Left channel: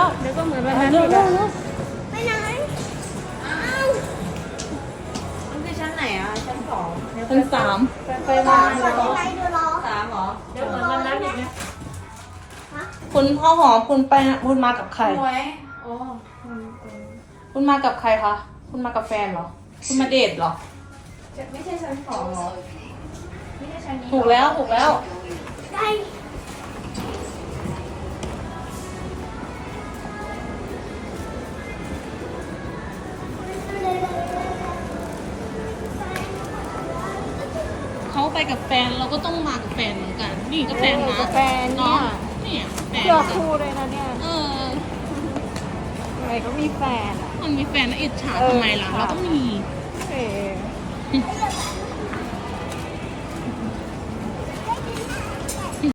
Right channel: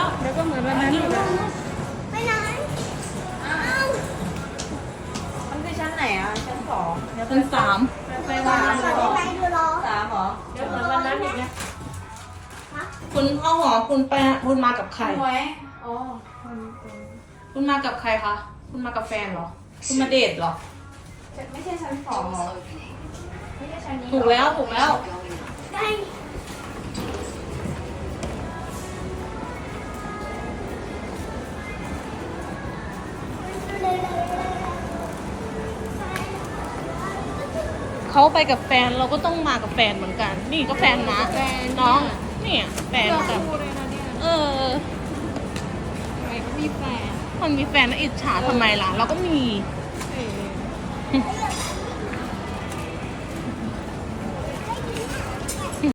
อนวันนั้นอีกอะไปไหนอ้าวมันคือชั้นไหนอะ ชั้นสองชั้นสามไปมาขอเล่นไปดูรอสามเหรอเดี๋ยวเหมือนวันนั้นอีกนะคุณข้าวหอมคุณไปคุณมากับใคร หวยโอ้คุณมากับใครคะ คุณมากับแฟนเหรอ คุณมาเดทเหรอไม่ใช่ชั้นสองเหรอไม่ใช่ชั้นนี้ถูกแล้วถูกแล้ว เขาไปกับแฟนเราก็ต้องมากับแฟนเหมือนกัน นี่ก็แฟนนะแฟนเนี่เนาะยเนี่ยแฟนเพื่อกันคู่เลยนะเนี่ยเอออะไรก็มีแฟนอะมันมีแฟนแล้วอิจฉาทำไมล่ะเราก็มีเออ